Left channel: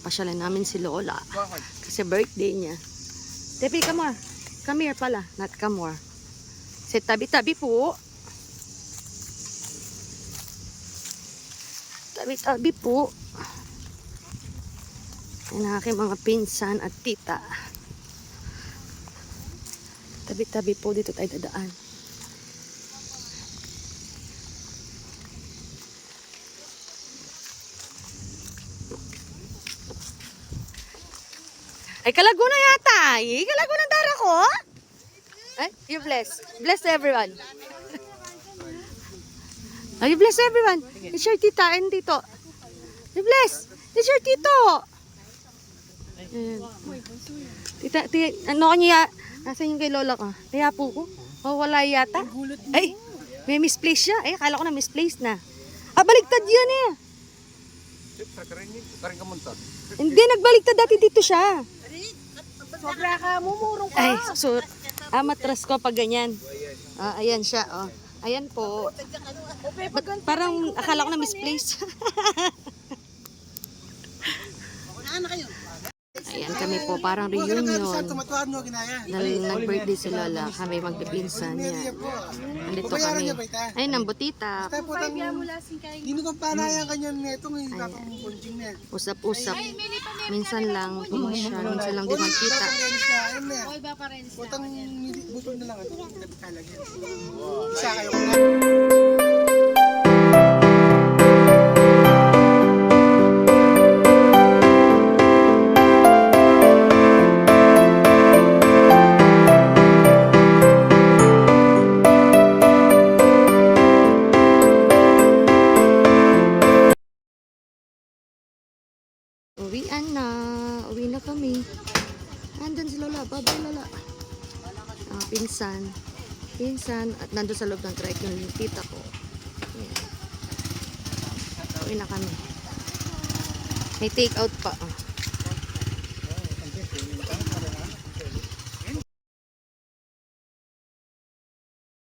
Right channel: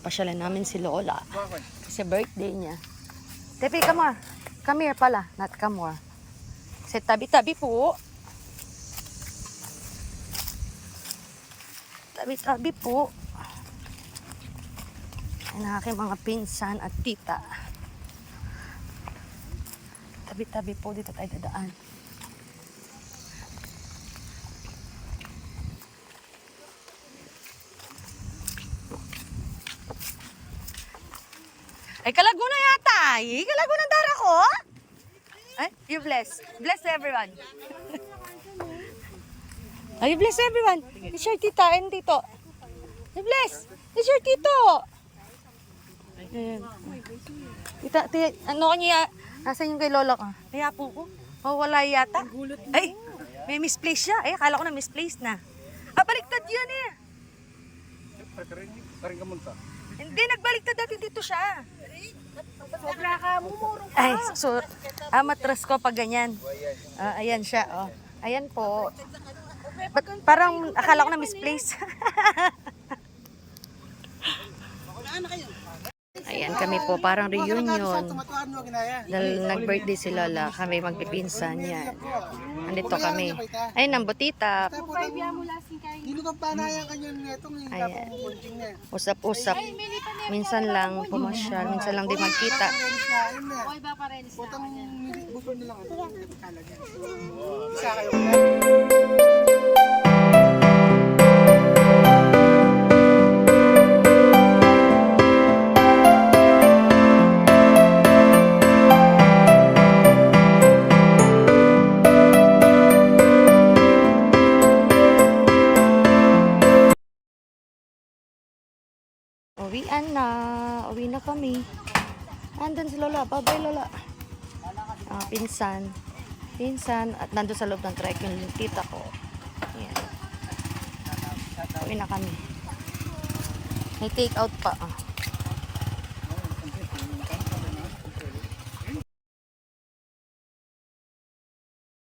Papasyalan namin si Lola. Kasi birthday niya. Tepi, come more. Come here pala, not come more. Sa tabi-tabi po. Tabi-tabi po. Ang aking mga pinsan at tita. Tabi-tabi po, dito tayo dadaan. Ay, Kalaguna yata. Ay, Kalaguna dara ko. Ay, you bless. Bless everyone. Ay, you bless everyone. It's your tita and tito. You bless. It's your tito. Ayan. Tita, ano kanya? Nasaan yung kay lola ko? Kaya po ko. Oh, wala yata. Ay, may misplace siya. Ay, akala ko na misplace na. Ah, baligtad yun eh. Hindi, nagbaligtad dati dito siya. Sobra ka, mumurong ka. Ay, so, matras ko pag ganyan. Ayan siya, oh. Ayan po. But, parang akala ko na misplace. Ayan kami po, parang reunion. Dahil nag-birthday si Lola, kami magpipinsan yan. Nandito kami. Ayun ang butita. Ayan. Usap-usap. Minsan lang pumasyal, minsan lang di magkita. Uwi na kami. Andun si Lola. Bye-bye, Lola. Pinsan. At nandun sa loob ng trike yung tita ko. Ayan. Uwi na kami. May take out pa.